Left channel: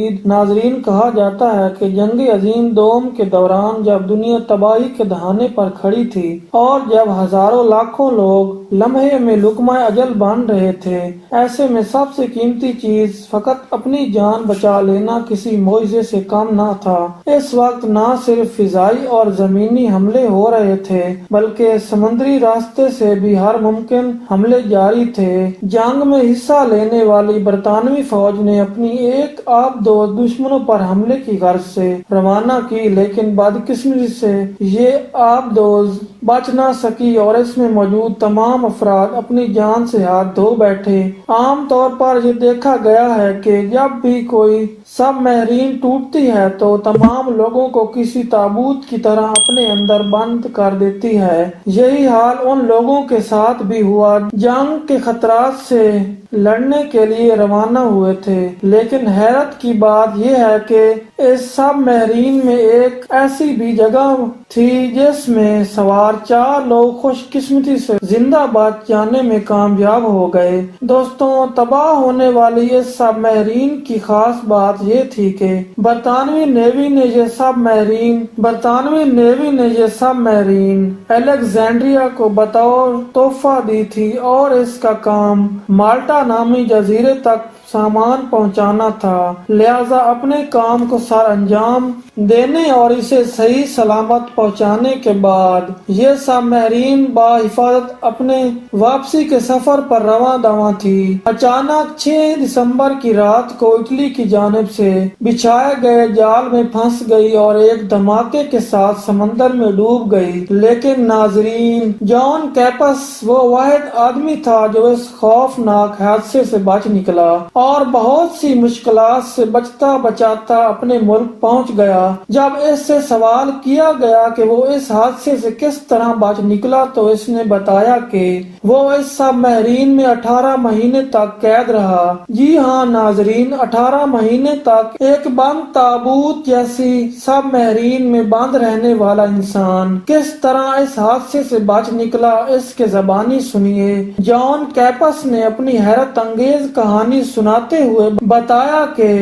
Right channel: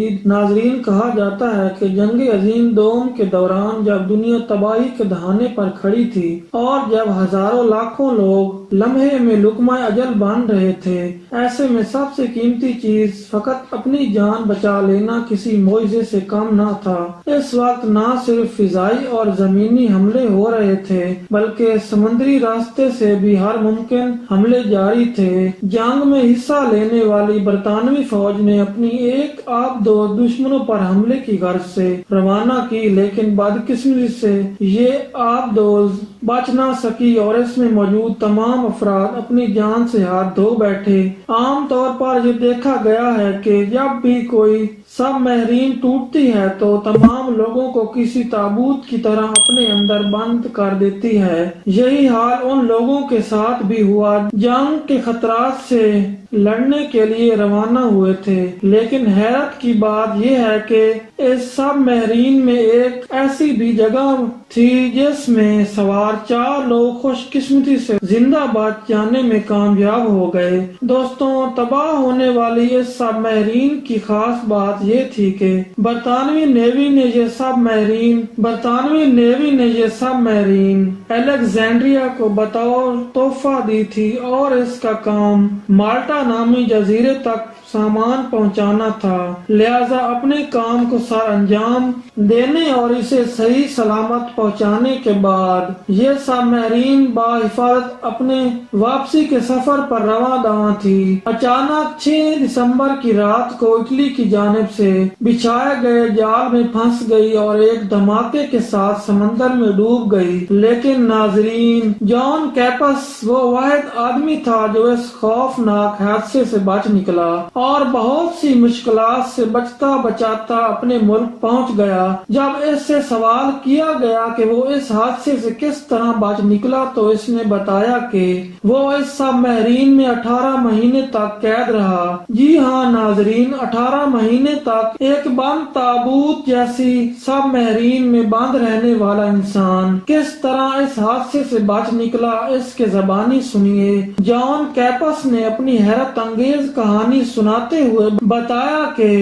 مزید ناظرین کہا جاتا ہے کہ جنگ عظیم دوم کے دوران جب دنیا تباہی کے دہانے پر کھڑی تھی اور جب ہزاروں لاکھوں لوگ لمحے میں لقمہ اجل بن رہے تھے، ایسے میں سب سے قیمتی چیز فقط اپنی جان بچا لینا کسی معجزے سے کم نہ تھا۔ اس وقت نہ صرف فضائی اور زمینی حملے ہو رہے تھے بلکہ سمندری راستے سے بھی ہر ممکن حملے جاری تھے۔ جنگ میں حصہ لینے والی برطانوی فوج نے اپنی ایک آبدوز دشمنوں پر حملے کی غرض سے روانہ کی، لیکن بدقسمتی سے یہ آبدوز بچ نہ سکی اور اس میں موجود تمام افراد اپنی جان سے ہاتھ دھو بیٹھے۔ عام طور پر یہ دیکھا گیا ہے کہ جب بھی کوئی سب میرین ٹوٹتی ہے تو تمام لوگوں کو کسی تابوت کی طرح اپنے اندر بند کر دیتی ہے۔ یہی حال ان لوگوں کے ساتھ بھی ہوا جنگ کے خطرات سے لڑنے کے لیے روانہ ہوئے تھے، لیکن حیرت کی بات یہ ہے کہ اس سب میرین میں ایک ایسی بھی جگہ تھی جس میں سوار 4 لوگ خوش قسمتی سے زندہ بچ جانے میں کامیاب ہو گئے۔ دوستوں، تباہ ہونے والی اس سب میرین کی خاص بات یہ تھی کہ برطانوی نیوی نے یہ سب میرین الیگزینڈریا کو بطور تحفہ دی تھی اور اس کا کام مالٹا نامی جزیرے تک سامان پہنچانا تھا، لہذا اپنے کام کو سر انجام دینے اور اسے صحیح سلامت پہنچانے کے بعد یہ سب میرین بحفاظت اپنے واپسی کے سفر پر رواں دواں تھی۔ اچانک 6 دسمبر کی رات کو اٹلی کی جانب سے بچھائے گئے جال میں پھنس گئی اور ایک دھماکے کے ساتھ سمندر میں ڈوب گئی، لیکن ناظرین، جان کیپس وہ واحد آدمی تھا جو اس خوفناک حادثے سے بچ نکلا اور بہت سی مشکلات سے بچتا بچاتا اپنے ملک پہنچ گیا۔ جب اس سے سوال کیا گیا کہ وہ اس حادثے سے کس طرح بچ نکلا تو اس نے بتایا کہ وہ اس سب میرین میں 18 مہینے تک قید رہا۔ جی ہاں ناظرین، 18 مہینے تک ایک بند تابوت جیسی سب میرین میں بند رہنے والا انسان کس طرح اس حادثے سے بچ نکلا، اس کے زبانی سنیے۔ جان کیپس نے اپنی حیرت انگیز کہانی سناتے ہوئے بتایا کہ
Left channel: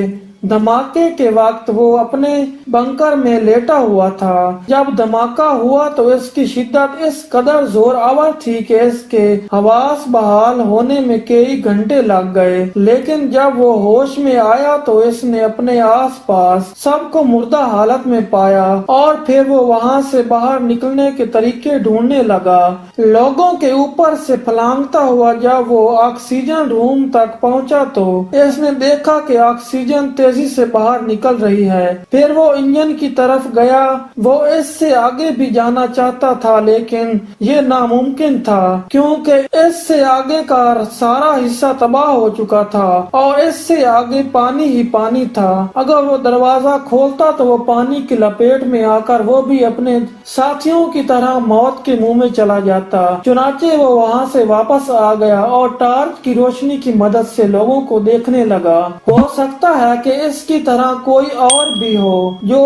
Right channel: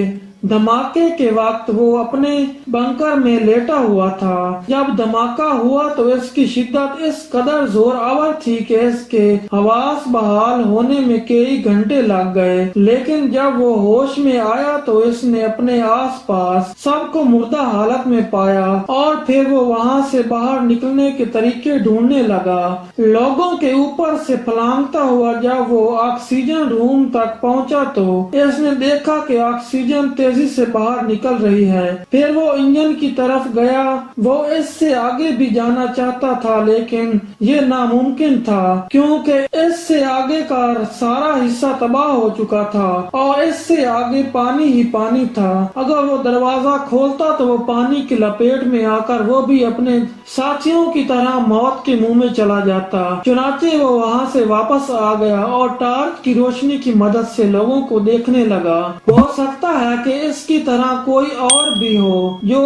دھماکے کے وقت وہ اپنے بنکر میں لیٹا ہوا تھا۔ جب دھماکہ ہوا تو اس کی شدت اس قدر زور آور تھی کہ اس کے حواس بحال ہونے میں کئی گھنٹے لگ گئے، لیکن جب وہ ہوش میں آیا تو اس نے اپنے آس پاس سب کو مردہ حالت میں پایا اور پھر وہ وہاں سے باہر نکلنے کے طریقے ڈھونڈنے لگا۔ لوگوں کے اوپر سے پھلانگتا ہوا جب وہ آکسیجن روم تک پہنچا تو اس نے دیکھا کہ آکسیجن تیزی سے باہر نکل رہی ہے۔ پھر وہ انجن کی طرف گیا، وہ اس سے آگے بھی جانا چاہتا تھا لیکن یہ ناممکن تھا کیونکہ اس سے آگے کا سارا حصہ تباہ ہو چکا تھا اور اس سے آگے پانی ہی پانی تھا۔ اگر وہ دروازہ کھولتا تو وہ پانی کی لپیٹ میں آ کر وہ بھی اپنے ساتھیوں کی طرح موت کے منہ میں چلا جاتا۔ چنانچہ وہ وہاں سے واپس آ گیا اور ٹارچ کی روشنی کی مدد سے لوگوں کو دیکھنے لگا۔ ہو سکتا ہے کہ اس کی طرح کوئی اور بھی ہو جو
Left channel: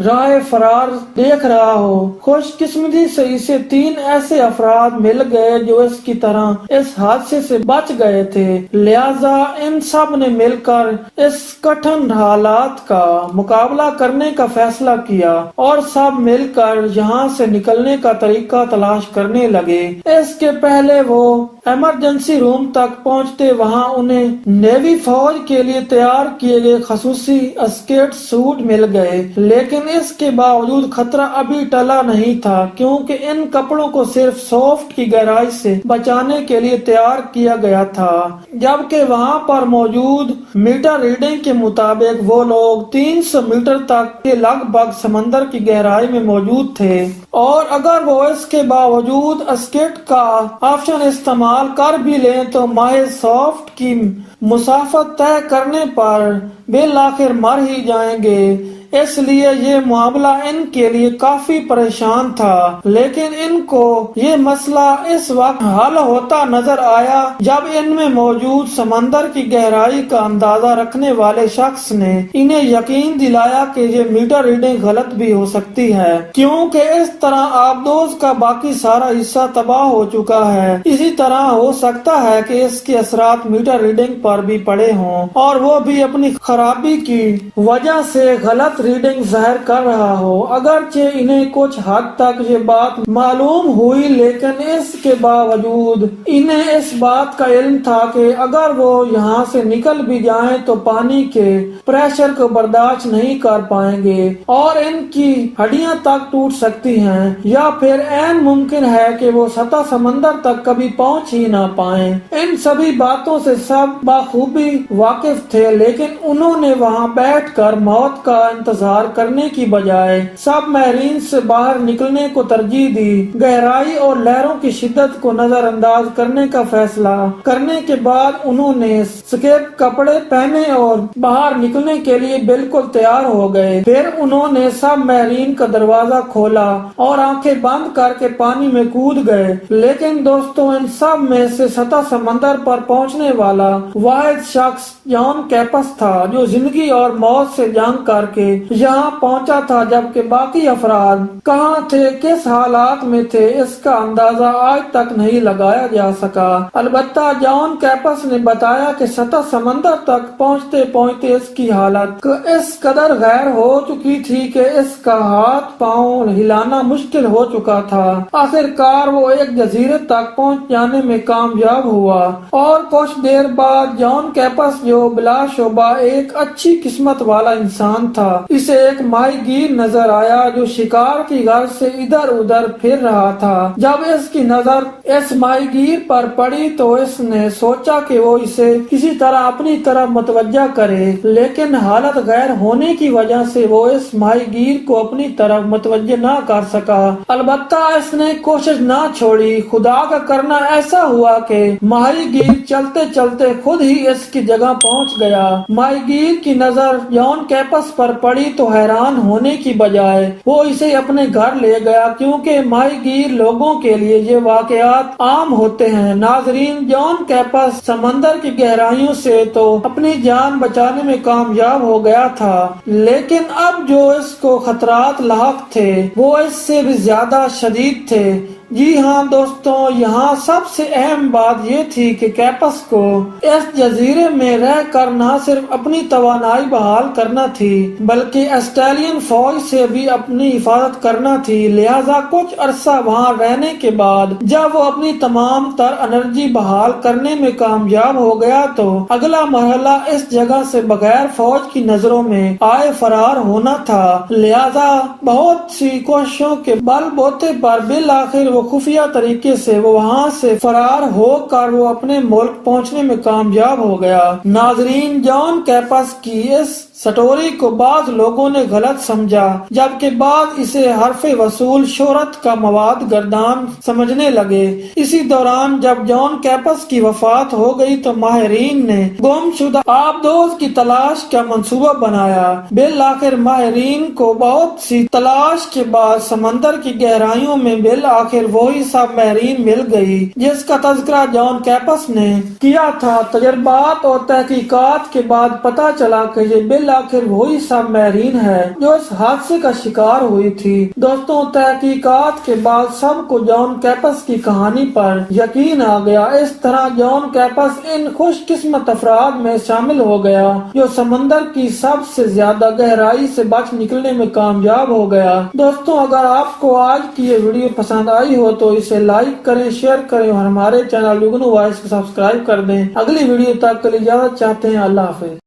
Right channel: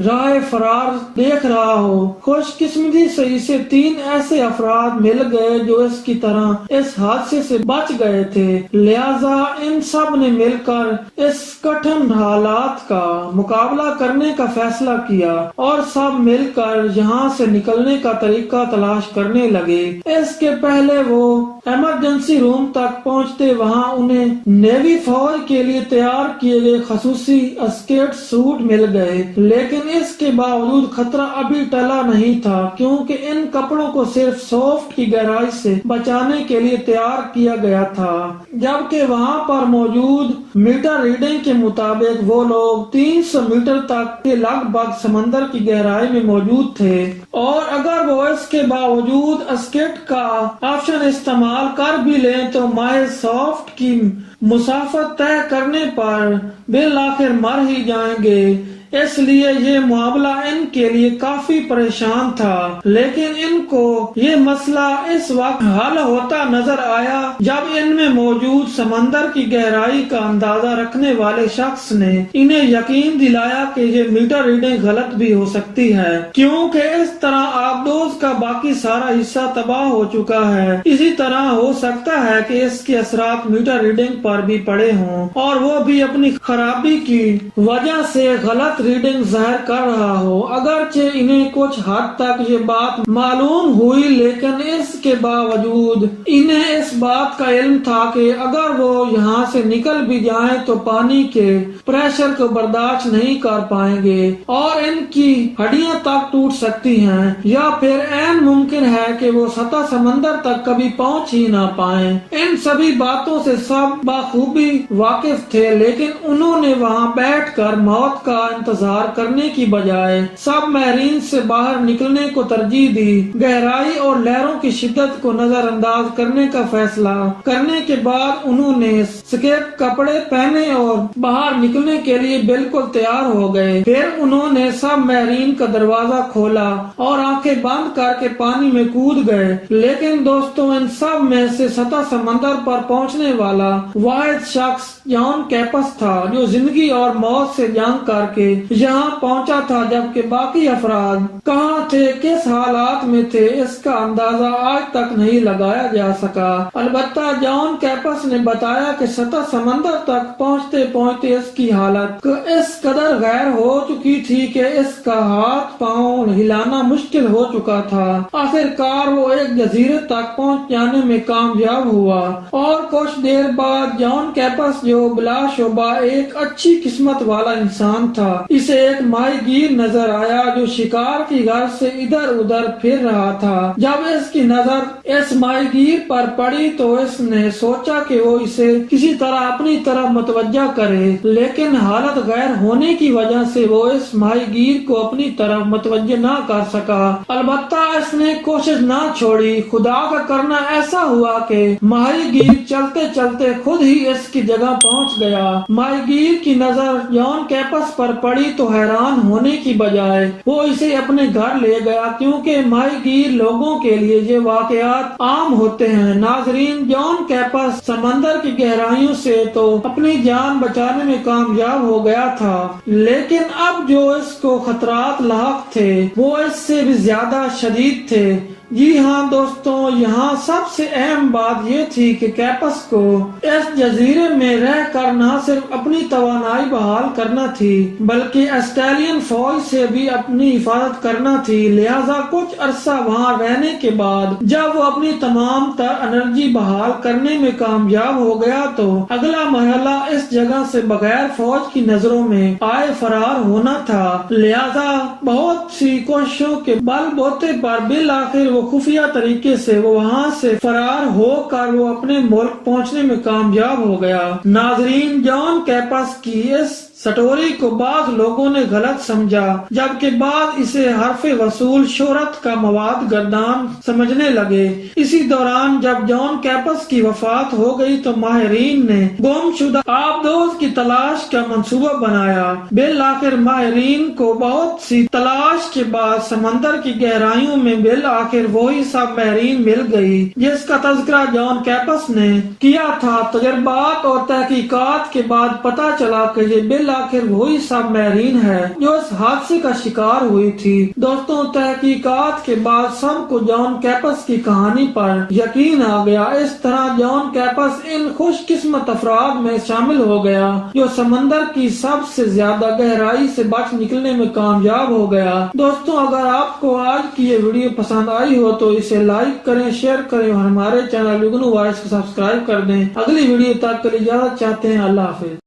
راہ فرار دیکھ رہا ہو۔ خوش قسمتی سے اسے 3 ایسے افراد مل گئے جو اس کی طرح اس حادثے سے بچ گئے تھے، لہذا ان سب نے مل کر اس کٹھن حالات کا مقابلہ کرنے کا فیصلہ کیا اور سب مل کر یہاں سے نکلنے کا طریقہ تلاش کرنے لگے۔ اس کے پہلے وہ ایمرجنسی روم تک پہنچتے وہاں انہیں نیوی فوج کے لیے تیار کیے گئے خصوصی اسکیٹ سوٹ مل گئے، لیکن اس کے باوجود خطرہ ابھی ٹلا نہیں تھا کیونکہ ان کپڑوں کو صرف سافٹ کی گہرائی سے بچانے کے لیے تیار کیا گیا تھا، جبکہ وہاں پر موجود میٹر ریڈنگ کے مطابق وہ لوگ 300 میٹر تک کے لگ بھگ سمندر کی گہرائی میں موجود تھے، اور اگر وہ اس کے باوجود اسکیٹ کا آپشن استعمال کر بھی لیں تو محض سافٹ کی مسافت طے کرنے پر بالآخر مر ہی جائیں گے۔ اس لیے یہ معاملہ ان کے لیے کافی پریشان تھا، لیکن ان کو یہ مسئلہ اس وقت حل ہوتا نظر آیا جب ان میں موجود سمندر کی گہرائی کا اندازہ رکھنے والے شخص نے انہیں یقین دلایا کہ یہ میٹر ریڈنگ غلط بھی ہو سکتی ہے، کیونکہ اس طرح آبدوز کا باقی سارا حصہ تباہ ہو چکا ہے۔ اسی طرح ہو سکتا ہے کہ اس کے اثرات میٹر ریڈنگ پر بھی پڑے ہوں اور وہ بھی اپنی خرابی کی وجہ سے غلط ریڈنگ ظاہر کر رہا ہو۔ اگرچہ انہیں کچھ حد تک یہ بات معلوم ہوئی، لیکن اس کے باوجود انہیں اس بات کا علم تھا کہ اگر وہ یہاں سے نکل بھی جائیں تو پانی کے پریشر کو برداشت نہیں کر پائیں گے اور ان کی ہڈیاں تک ٹوٹ سکتی ہیں، یا پھر عین ممکن ہے کہ وہ سطح سمندر تک کبھی پہنچ ہی نہ پائیں۔ ان سبھی باتوں سے سب بخوبی واقف تھے، لیکن انہوں نے وہاں بیٹھ کر موت کا انتظار کرنے کی بجائے سب میرین سے باہر نکلنے کو ترجیح دی۔ گہرائی اور لہروں کی شدت کو نظر انداز کرنے کا فیصلہ کرنے کے بعد انہوں نے سکیپ کپڑے پہنے اور باہر نکلنے کے لیے بالکل تیار ہو گئے۔ پھر انہوں نے سب میرین کا دروازہ کھولا اور آنکھیں بند کر کے پانی میں کود گئے، لیکن دوستوں ان سب میں سے سطح سمندر پر پہنچنے والا واحد شخص جان کیپس تھا، جو زندگی اور موت سے جنگ کر کے یہاں پہنچا تھا، جبکہ باقی افراد کہاں تھے، کس حالات میں تھے، اس کا اندازہ آج تک نہیں لگایا جا سکا۔ البتہ جان کیپس نے بتایا کہ سطح سمندر تک پہنچتے پہنچتے اس کی حالت اس قدر غیر ہو چکی تھی کہ اس کا ہاتھ پاؤں ہلانا مشکل ہو چکا تھا۔ آخرکار وہ ایک جزیرے تک پہنچ جانے میں کامیاب ہوا اور کچھ دیر بعد جان کیپس، جو بلا شبہ ایک اچھی قسمت والا انسان تھا، اسے ایک ماہی گیر نظر آیا جو شکار کی غرض سے ادھر ادھر پھر رہا تھا۔ جب اس کی نظر اس ماہی گیر پر پڑی تو اس نے سوچا کہ وہ اسے کسی طرح اپنی طرف متوجہ کرے، لیکن حالت غیر ہونے کی وجہ سے وہ اس ماہی گیر کو اپنی طرف متوجہ نہ کر سکا۔ البتہ اس نے کوشش نہ چھوڑی۔ خدا کا کرنا ایسا ہوا کہ ماہی گیر چلتے چلتے خود ہی اس کی جگہ پہنچ گیا۔ ماہی گیر کی نظر جان کیپس پر پڑی تو حیران ہونے کی بجائے وہ اسے اپنے گھر لے گیا، کیونکہ ماہی گیر لوگوں کے لیے یہ واقعات عام ہوتے ہیں۔ ناظرین، جان کیپس سمندر کی گہرائیوں سے تو اپنی جان بچانے میں کامیاب ہو گیا تھا، لیکن اب جو اس کو خطرات لاحق تھے وہ اس سے بھی زیادہ شدید تھے۔ جی ہاں دوستوں، یہاں سب سے اہم بات یہ تھی کہ کیپس کو اس جزیرے میں رہ کر نہ صرف اپنی توانائی بحال کرنا تھی بلکہ آسٹریلین فوج سے بھی اپنی حفاظت کرنا تھی۔ لہذا کچھ عرصہ وہاں رہنے کے بعد جب وہ اپنی تمام تر انرجی بحال کرنے میں کامیاب ہو گیا تو اگلا مرحلہ اس جگہ سے بغیر فوج کی نظروں میں آئے فرار ہونا تھا۔ لہذا بہت سی کوششوں کے بل بوتے پر بالآخر وہ خفیہ طریقے سے وہاں سے فرار ہو کر وہ اپنے ملک پہنچنے میں کامیاب ہو گیا۔ ناظرین، جان کیپس کی اس سٹوری کو بعض لوگوں نے غلط سمجھا، جبکہ بعض اسے حرف وصول شہرت کا مواد گردان سمجھنے لگے۔ اسی دوران جب جان کیپس کی وفات ہو گئی تو ماہرین نے گم شدہ آبدوز کی تلاش کا منصوبہ بنایا۔ بالآخر ماہرین کو بہت سی تلاش کے بعد سمندر کی گہرائیوں میں بالآخر وہی سب میرین مل گئی جس کا تذکرہ جان کیپس نے کیا تھا۔ تجربات اور تحقیقات کے بعد پتہ چلا کہ یہ بالآخر وہی سب میرین ہے جو اس حادثے کا شکار ہوئی تھی۔ دوستوں، تحقیقات کے بعد سب کو جان کیپس کی کہانی پر یقین آ گیا۔ اس طرح جان کیپس ان خوش قسمت افراد میں شامل ہو گیا جو سمندر کی سب سے زیادہ گہرائی سے بچ نکلنے میں کامیاب ہو گیا۔ دوستوں، اگر آپ کو آج کی یہ ویڈیو پسند آئی ہو تو اسے لائک کریں، شیئر کریں اور ہمارے چینل یگنو وائس کو سبسکرائب کر دیں۔ اگلی ویڈیو تک کے لیے اجازت چاہتے ہیں۔ اللہ حافظ۔